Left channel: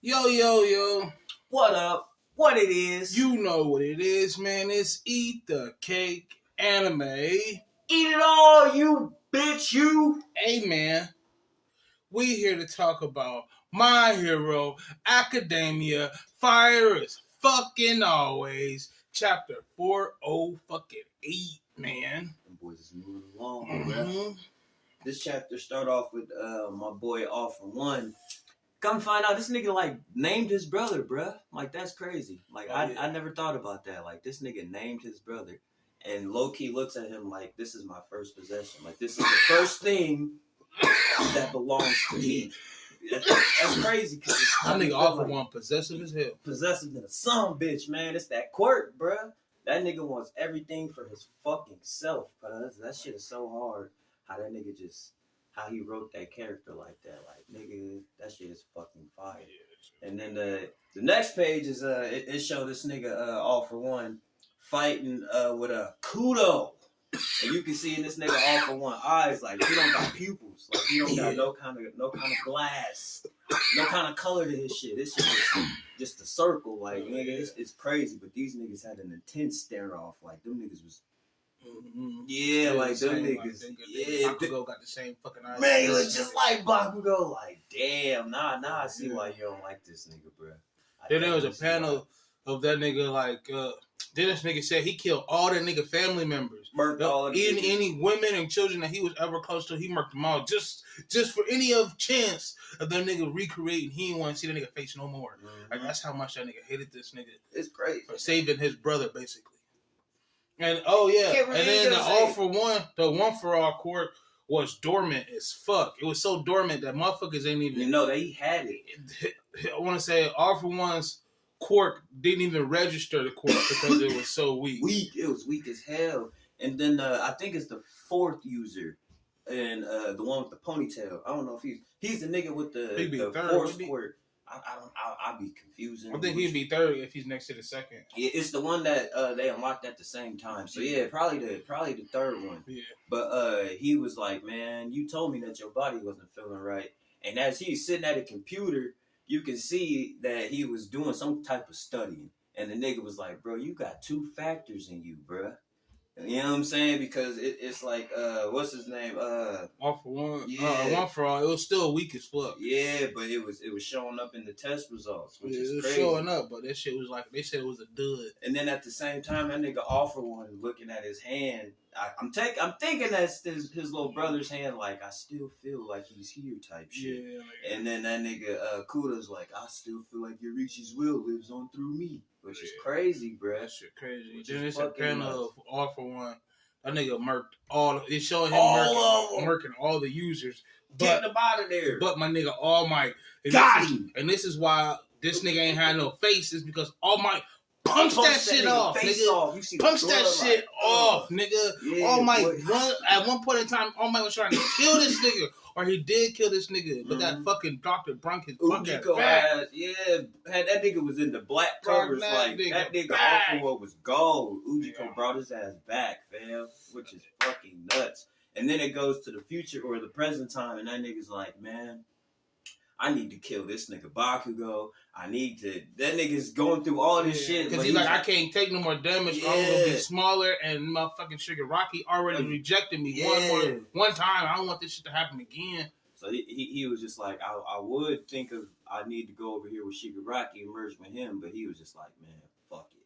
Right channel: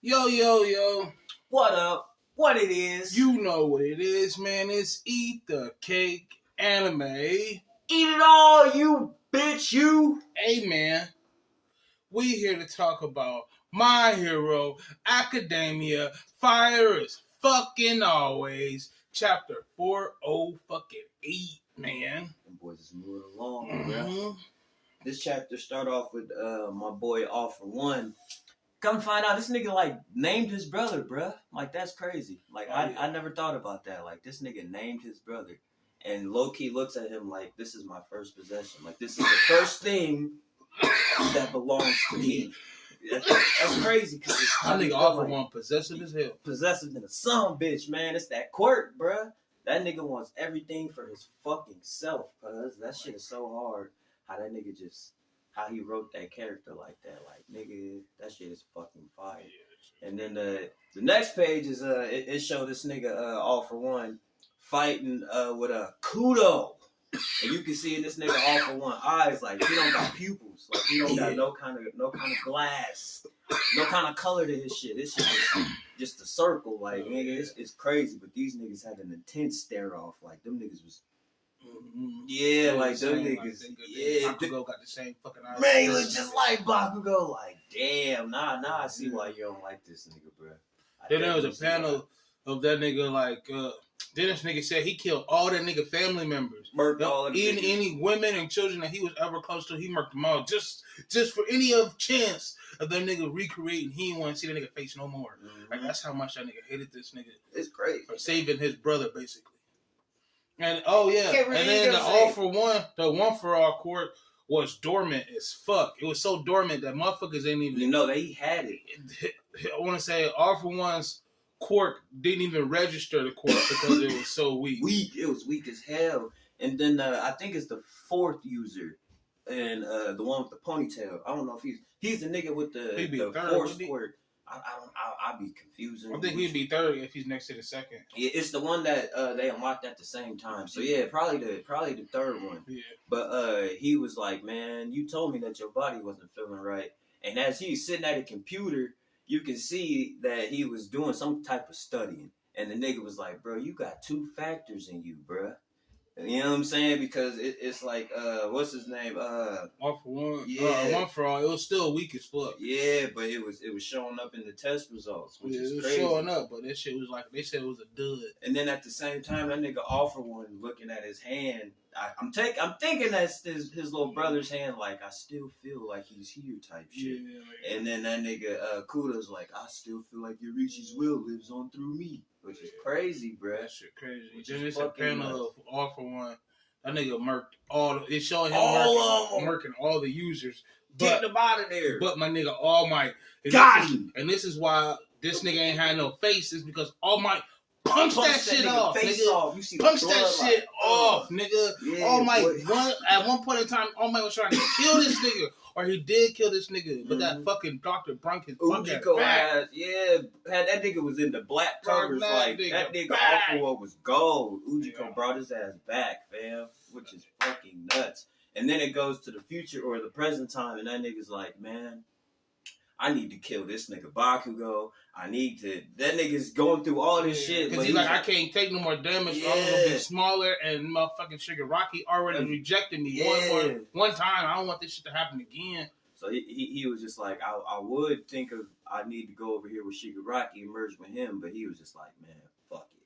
Yo, yo, yo. What up? What it is? You know what it is, man. It's Eat the Cake Anime. Eat it all, you bitch, you. Hey, man. We here to talk about My Hero Academia. Fire is fucking always. Chapter 408, man. Them boys is moving along, bro. This chapter start off with my boy All For One. Come find out this nigga like named his brother, bruh. Like that's crazy. Like I never thought about that. Like this nigga named his brother, and low key looks at him like this is my first possession. Like this is the first thing that belongs to me. That's crazy because I nigga All For One possessive as hell. Possessive than a son bitch, man. It's that quirk, bruh. That nigga wants everything for his fucking self, cuz that shit is so hard. How that nigga just. How he wrote that character like that, like nigga, that shit is fucking fire. And then the next page is it showed this nigga All For One fighting with a kudo, and you can see in this nigga All For One eyes like he don't got pupils, like he don't got no kind of glass, no kind of color to his shit. This shit is just a circle, like nigga, it's crazy. But these niggas had an intense stare off, like them niggas was. Mm-hmm. Yeah, like them niggas. Yeah, Bakugo got the same fucking eyes. Man, he look just like Bakugo. Like, damn, nah, I see why you don't like this nigga, bro. Then there was a panel of that nigga like. Then this nigga said he killed all that nigga family members. Murked all of them. Any women and children that he was ever close to, he murked them all. Just for any of chance of them nigga recreating, he didn't want to see that nigga face no more. Mm-hmm. Like that's how much that nigga hated this nigga. It's crazy. For saving his brother, basically. And oh yeah, and then the All For One, the One For All court was dormant as fuck. It was so dormant that motherfuckers ain't even. You know they had it. I want to say All For One's quirk didn't even register the quirk because it was so weak. It was weak as hell. And then I think it's the fourth user, and the one with the ponytail. I don't know if he's the nigga with the force quirk. I'd be confusing. I think he'd be third if he's next to the second. Yeah, it's the one that they unlocked at the same time. So yeah, probably the third one. Yeah. But he was like, man, you told me that your body wasn't feeling right. And as he's sitting at a computer, you can see that he was doing some type of studying. And the nigga was like, bro, you got two factors in you, bro. You know what I'm saying? Because it's like, what's his name? All For One. Yeah. One For All. It was still weak as fuck. Yeah, but it was showing up in the test results, which is it was crazy. Showing up, but that shit was like, they said it was a dud. And then at the same time, that nigga All For One looking at his hand. I'm thinking that's his little brother's hand. Like I still feel like he's here, type shit. Yeah. And then that nigga Kuda's like, I still feel like Yorichi's will lives on through me, which is crazy, bruh. That shit crazy. Then it's a panel of All For One. That nigga murked all. It showed him murking all the users. Get them out of there. But my nigga All Might got him. And this is why this nigga ain't had no face. Is because All Might punch that shit off, face nigga. Off. You see punch that shit off, nigga. Yeah, All Might at one point in time, All Might was trying to kill this nigga, or he did kill this nigga, but that fucking doctor brunk his Ujiko had that nigga was in the black covers, like that nigga All For One was gold. Ujiko brought his ass back, fam, which is fucking nuts. And then it goes to the future or the present time, and that nigga's like, man, I need to kill this nigga Bakugo. That nigga's going through all this shit. Because he's like, I can't take no more damage. Yeah. I'm going to be smaller, and motherfucking Shigaraki already rejected me one time. I don't want this shit to happen again. So he was just like, I would think of, I need to go over here with Shigaraki and merge with him, but he was just like, man, fuck it.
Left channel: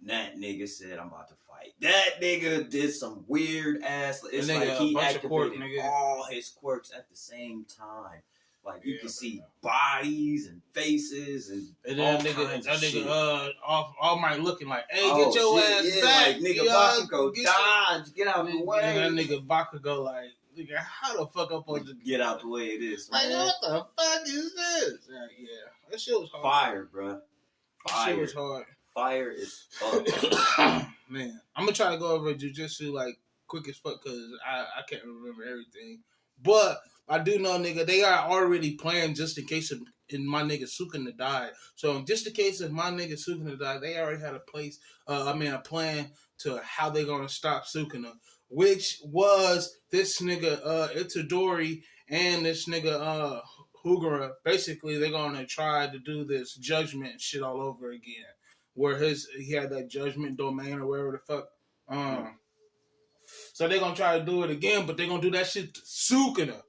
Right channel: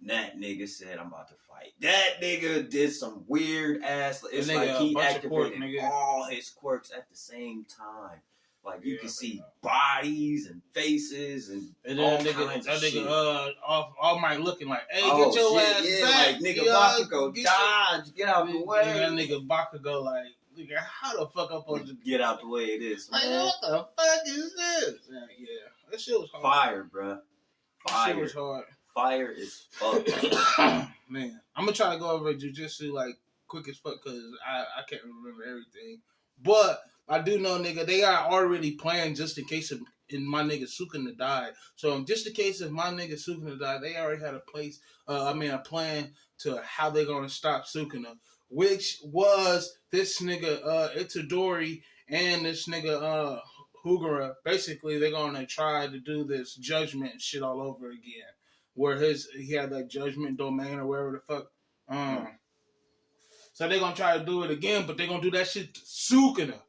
And that nigga said, I'm about to fight. That nigga did some weird ass, it's like he activated all his quirks at the same time. Like you can see bodies and faces and all kinds of shit. All Might looking like, hey, get your ass back. Like nigga Bakugo, dodge, get out the way. And that nigga Bakugo like, nigga, how the fuck I'm supposed to get out the way it is? Like, what the fuck is this? Yeah, that shit was hard. Fire, bro. That shit was hard. Fire is fuck. Man, I'm gonna try to go over Jujutsu like quick as fuck because I can't remember everything, but I do know, nigga, they are already planning just in case in my nigga Sukuna died. So just in case if my nigga Sukuna died, they already had a plan to how they gonna stop Sukuna, which was this nigga Itadori and this nigga Hugura, basically they're gonna try to do this judgment shit all over again, where he had that judgment domain or whatever the fuck. So they're gonna try to do it again, but they're gonna do that shit to Sukuna.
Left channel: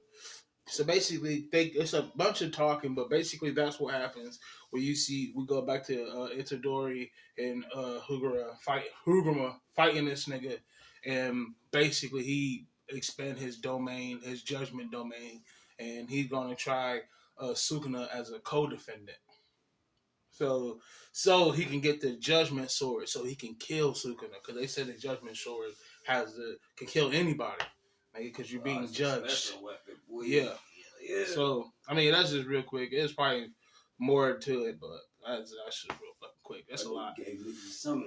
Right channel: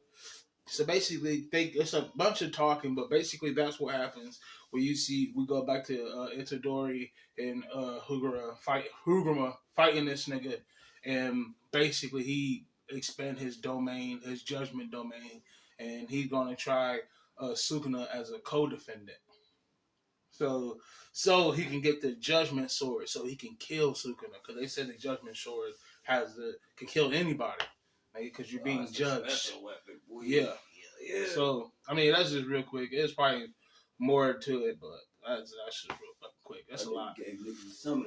So basically, it's a bunch of talking, but basically that's what happens. Where we go back to Itadori and Hugura fighting this nigga, and basically he expand his domain, his judgment domain, and he's gonna try Sukuna as a co-defendant. So he can get the judgment sword, so he can kill Sukuna, because they said the judgment sword can kill anybody, because you're being judged. Special weapon, boy. Yeah. So I mean, that's just real quick. There's probably more to it, but that's just real fucking quick. That's a lot.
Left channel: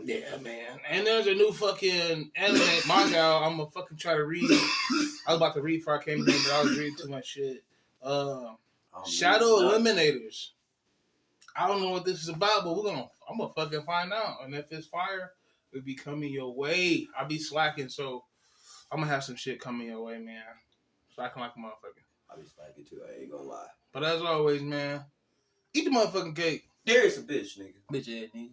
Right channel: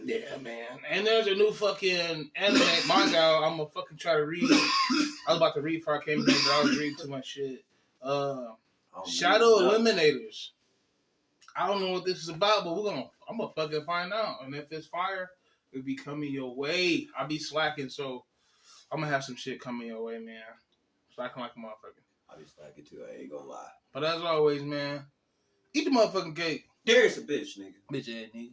Yeah, man. And there's a new fucking anime manga I'm gonna fucking try to read. I was about to read before I came here, but I was reading too much shit. Shadow Eliminators. I don't know what this is about, but I'm gonna fucking find out. And if it's fire, it'll be coming your way. I'll be slacking, so I'm gonna have some shit coming your way, man. Slacking like a motherfucker. I'll be slacking too, I ain't gonna lie. But as always, man, eat the motherfucking cake. There's a bitch, nigga. Bitch ass nigga.